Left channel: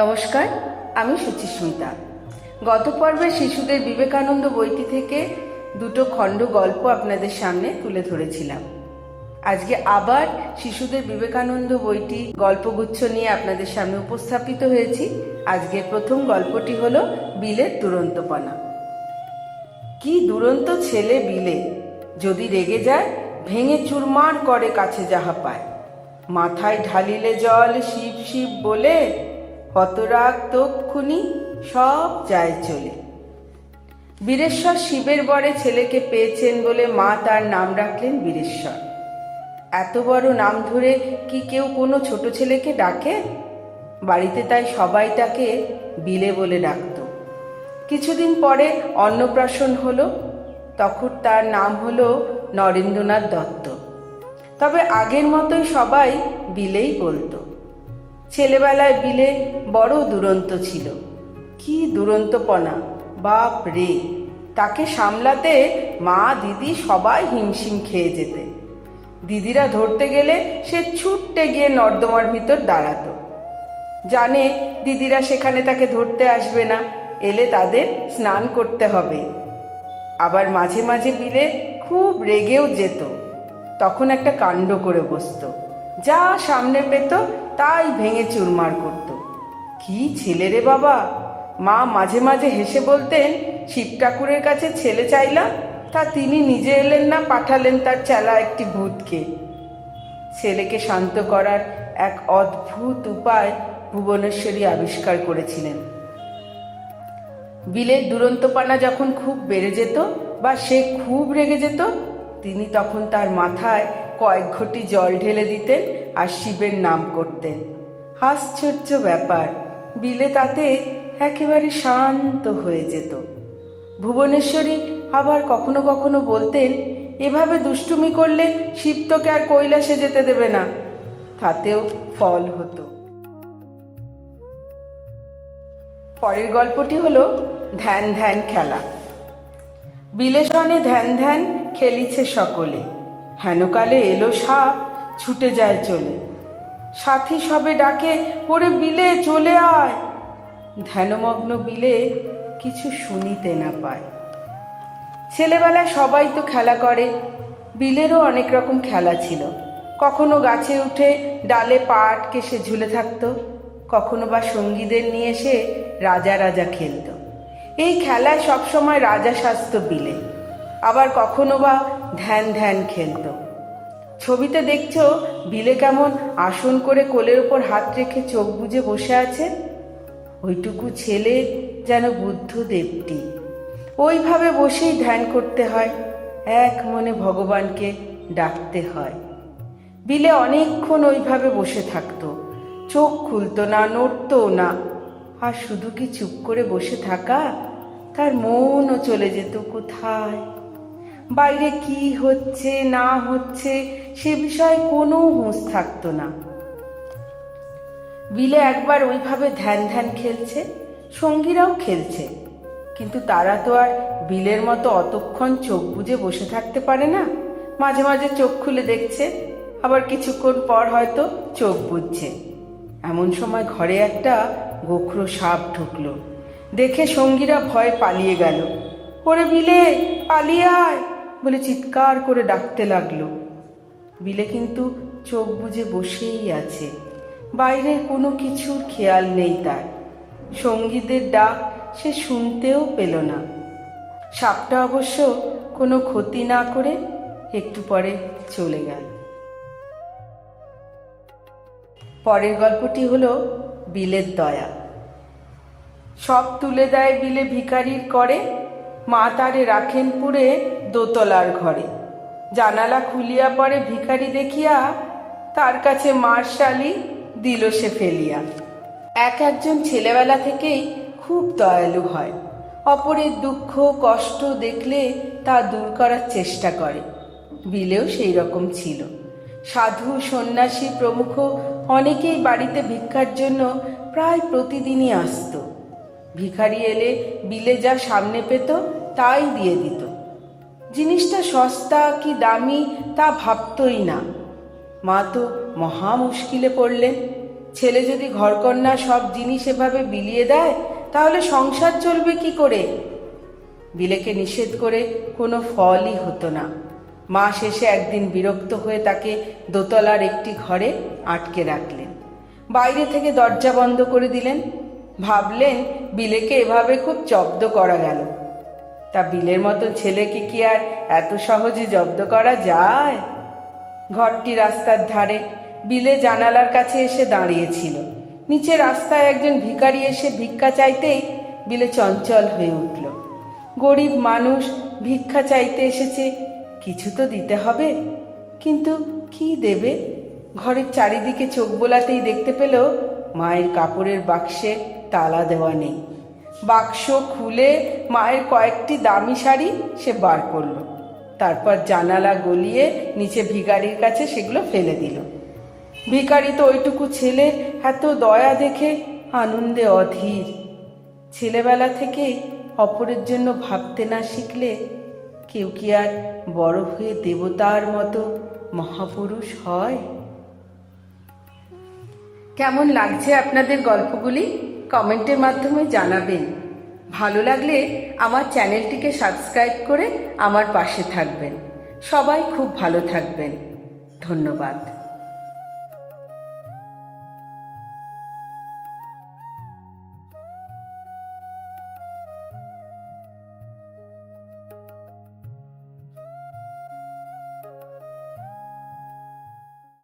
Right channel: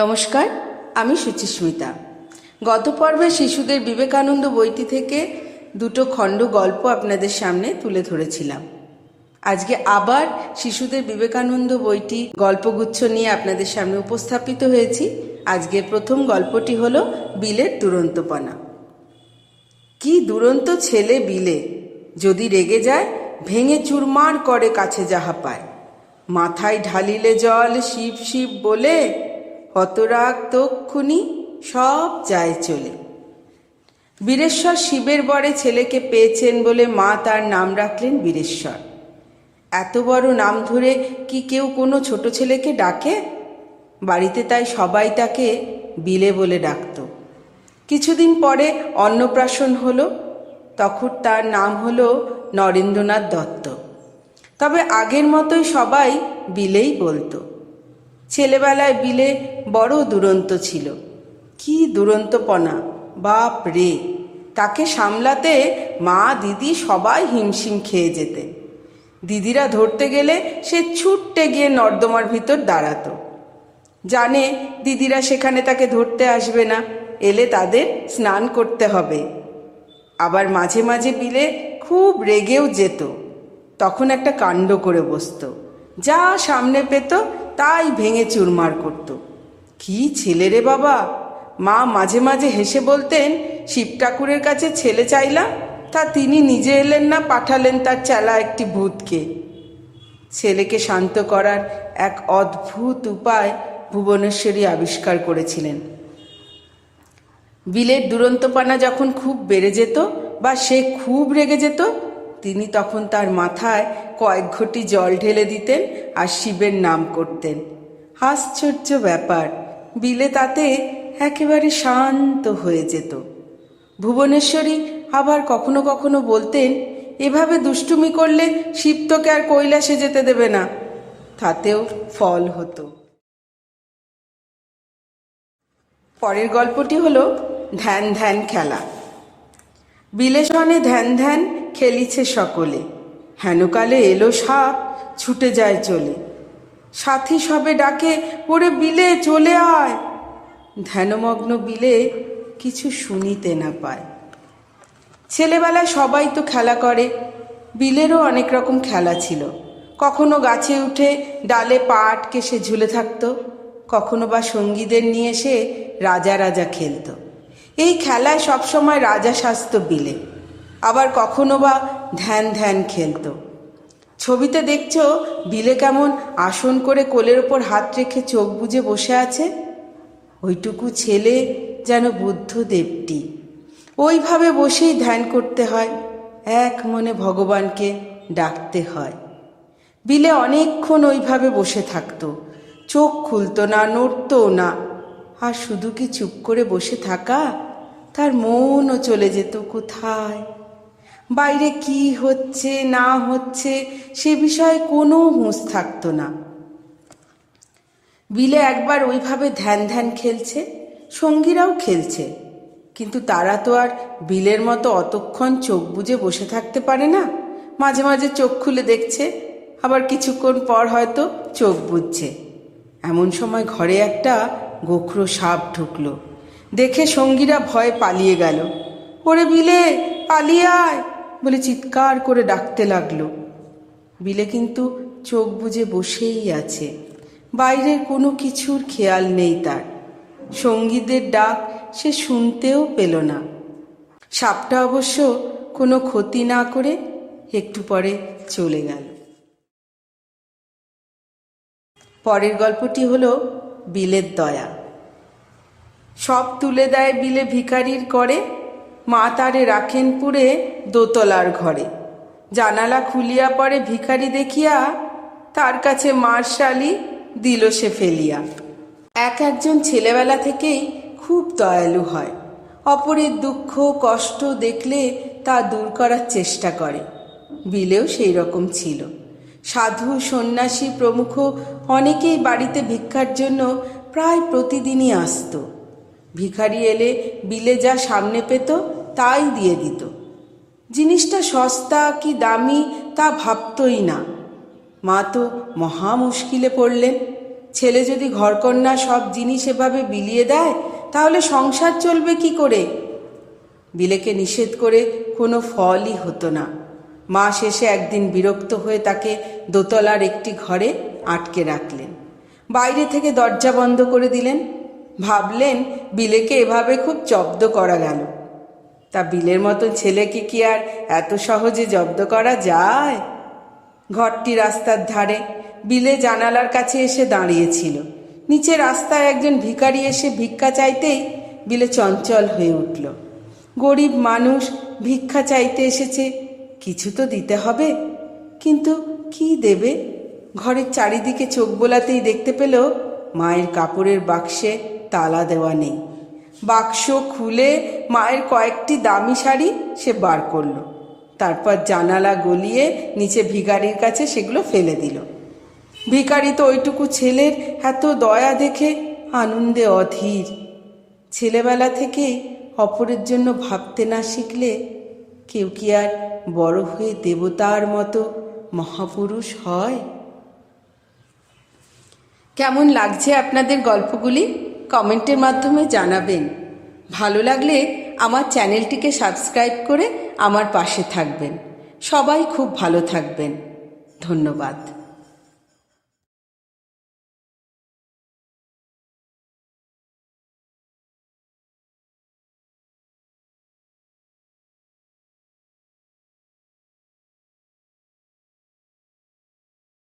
নমস্কার, আমি সুচিস্মিতা। গত পর্বে শিশুদের বিবেকানন্দ বইটি থেকে দুটো খণ্ড গল্প আপনাদের সামনে তুলে ধরেছিলাম। আজকে আবার শিশুদের বিবেকানন্দ বইটি গল্পগুচ্ছ নিয়ে আপনাদের সামনে উপস্থাপিত হয়েছি। আজকের প্রথম গল্পটি হলো বিলের দুরন্তপনা। কি দুরন্ত ছেলে বিলে! যদি রেগে যায় ভেঙে চুরমার করে কাছে যাহা পায়। মাথায় ঢালিলে জল শিব শিব বলে, হতরাগ তক্ষুনি সব যায় চলে। বীরেশ্বর শিবের বরে ছেলেকে পেয়েছেন বলে মা তার নাম রাখলেন বীরেশ্বর। এত বড় নাম ধরে কি কেউ কোনো ছোট ছেলেকে ডাকে? বাড়িতে তাই সবাই তাকে বিলে বলে ডাকত। কিছুদিন পরে অন্নপ্রাশন হলো, তখন তার নাম হলো নরেন্দ্রনাথ দত্ত। তবে আগের মতোই সবাই বিলেই বলতো। ছেলেবেলায় বিলে বড় দুরন্ত ছিল। কি দুরন্তপনা, বাপ রে! তাকে সামলাতে মা দিদি সবাই হিমশিম খেয়ে যেতেন। দিদিরা ধরতে গেলে সে ছুটতে গিয়ে নর্দমার ভিতর দাঁড়াতো। জানে দিদিরা সেখানে তাকে ধরতে আসবে না, এলে তাদের স্নান করতে হবে। আবার মাঝে মাঝে বিলে খুব রেগেও যেত। তখন একটা কাণ্ড করে বসতো, যা সামনে পেত তাই ভেঙে চুরমার করত। কি ছেলে রে বাবা! মা মাঝে মাঝে হেসে বলতেন, শিব ঠাকুরের কাছে ছেলে চাইলাম, তা তিনি নিজে এলেন না, পাঠালেন তার চেলা একটি ভূতকে। ছেলেকে শান্ত করার এক অদ্ভুত উপায় ভুবনেশ্বরী আবিষ্কার করেছিলেন। বিলের দুরন্তপনা যখন খুব বেড়ে যেত বা সে খুব রেগে যেত, তিনি তখন তার মাথায় কয়েক ঘটি জল ঢেলে দিতেন আর শিবের নাম করতেন। আশ্চর্য ব্যাপার, বিলে তাতে একেবারে শান্ত হয়ে যেত। ভুবনেশ্বরী আবার কখনো কখনো বলতেন, এভাবে দুষ্টুমি করলে শিব তোকে আর কৈলাসে যেতে দেবে না। তাতেও ফল হতো। পরের গল্পটি হলো ধ্যান ধ্যান খেলা। বিলেসনে ধ্যান ধ্যান খেলিছে সকলে, হেনকালে এলো সাপ ছুটে যায় চলে। সাথী সবে ডাকে, ওরে বিলে চলে আয়। ধ্যানমগ্ন বিলে কিছু শুনিতে না পায়। ছেলেবেলায় সবাই তো খেলা করে, বিলেরও অনেক রকম খেলা ছিল। কখনো গাছে উঠে ডালে পা আটকে সে ঝুলে থাকতো, কখনো বা সঙ্গীদের নিয়ে সে রাজা রাজা খেলত। এই খেলায় সবসময় রাজা সাজত বিলে। আবার কখনো বা ধ্যান ধ্যান খেলত। ছবিতে দেখছো বিলে কেমন আসন করে কোলের ওপর হাত রেখে চোখ বুজে বসে আছে। ওইটুকু ছেলে যেন বুদ্ধদেবটি। ওইভাবে বসেই ধ্যান করতে হয়, এক মনে ভগবানকে ডাকতে হয়। বিলে অনেকক্ষণ ওইভাবে বসে থাকতো, চোখ খুলতো না, নড়তও না। আর শুধু কি চুপ করে বসে থাকা, তার মনও চলে যেত কোথায়। বাইরে কি হচ্ছে না হচ্ছে সে বিষয়ে কোনো হুঁশ থাকতো না। বিলে একবার ওইভাবে ধ্যান ধ্যান খেলছে, সঙ্গীরাও খেলছে, কিন্তু তারা তো আর বিলের মতো অতক্ষণ চোখ বুজে বসে থাকতে পারে না। মাঝে মাঝে চোখ খুলে দেখছে, আবার কিছুক্ষণ পর হয়তো চোখ বুজছে। এমন সময় ঘরে একটা গোখরো সাপ ঢুকলো। দেখে সঙ্গীরা ভয়ে পালিয়ে গেল। ওরে বিলে পালিয়ে আয় বলে চিৎকার করে ডাকতে লাগলো। বিলে কিন্তু চোখ বুজে বসেই আছে, বাইরের কোনো কিছুর খেয়াল নেই তার। সঙ্গীদের ডাক সে শুনতেও পেল না। সাপটা অবশ্য কোনো ক্ষতি না করে একটু পরে চলে গেল। পরের গল্পটি হলো বিলের দয়া। সব তুলে দেয় বিলে ভিখারির করে, মা তারে রাখেন পুরে দোতলার ঘরে। জানালা খুলিয়া পড়ে ভিখারি দেখিয়া, তার কাছে মার্শালি দিল সে ফেলিয়া। একজন ছেলেবেলা থেকেই খুব দয়ালু হয়। অপরের দুঃখ কষ্ট দেখলে তা দূর করার চেষ্টা করে। বিলেও সেই রকম ছিল। সাধু সন্ন্যাসী প্রমুখ অনেকেই বাড়িতে ভিক্ষার জন্য প্রায় প্রতিদিনই আসত। ভিখারি এলে বিলে যা সামনে পেত তাই দিয়ে দিত। জিনিসটা সস্তা কি দামি তা ভাবতই না। মা তো মহা মুশকিলে পড়লেন। ছেলে যদি ঘরকন্না সব জিনিস এভাবে বিলিয়ে দেয় তাহলে সংসার চলবে কি করে? বিলেকে নিষেধ করে কোনো ফলই হতো না। মা শেষে একদিন বিরক্ত হয়ে তাকে দোতলার একটি ঘরে আটকে রাখলেন। বাইরে থেকে দরজা বন্ধ করে দিলেন। ভাবলেন বিলেকে এভাবে খুব জব্দ করা গেল। তা বিলের মতন ছেলেকে কি আর এত সহজে জব্দ করা যায়? ঘরটি রাস্তার ধারে। বিলে জানালার কাছে এসে দাঁড়িয়েছিল। নিচে রাস্তায় একজন ভিখারি এসে ভিক্ষা চাইতেই বিলে চঞ্চল হয়ে উঠল। গরিব মানুষ ভিক্ষা চাইতে এসেছে, কিছু তো দিতে হবে, কিন্তু কি দেবে? ঘরের চারিদিকে চোখ বোলাতেই দেখতে পেল মায়ের কাপড়ের বাক্সে তালা দেওয়া নেই। বাক্স খুলে মায়ের কয়েকটি দামি শাড়ি সে বার করলো। তারপর জানালা গলিয়ে নিচে ভিখারির কাছে সেগুলো ফেলে দিল। ভিখারি তো ওইটুকু ছেলের এত দয়া দেখে আনন্দে অধীর। ছেলেবেলা থেকেই অপরের জন্য ভাবতে না শিখলে কেউ কি আর বড় হয়ে দেবতার মতো মহাপুরুষ হয়? কেমন লাগছে আপনাদের গল্পগুলি? কমেন্টের মাধ্যমে জানাবেন। ভালো লাগলে আমার চ্যানেলটিকে সাবস্ক্রাইব করে আমার পাশে থাকবেন। সবাই খুব ভালো থাকবেন। ধন্যবাদ।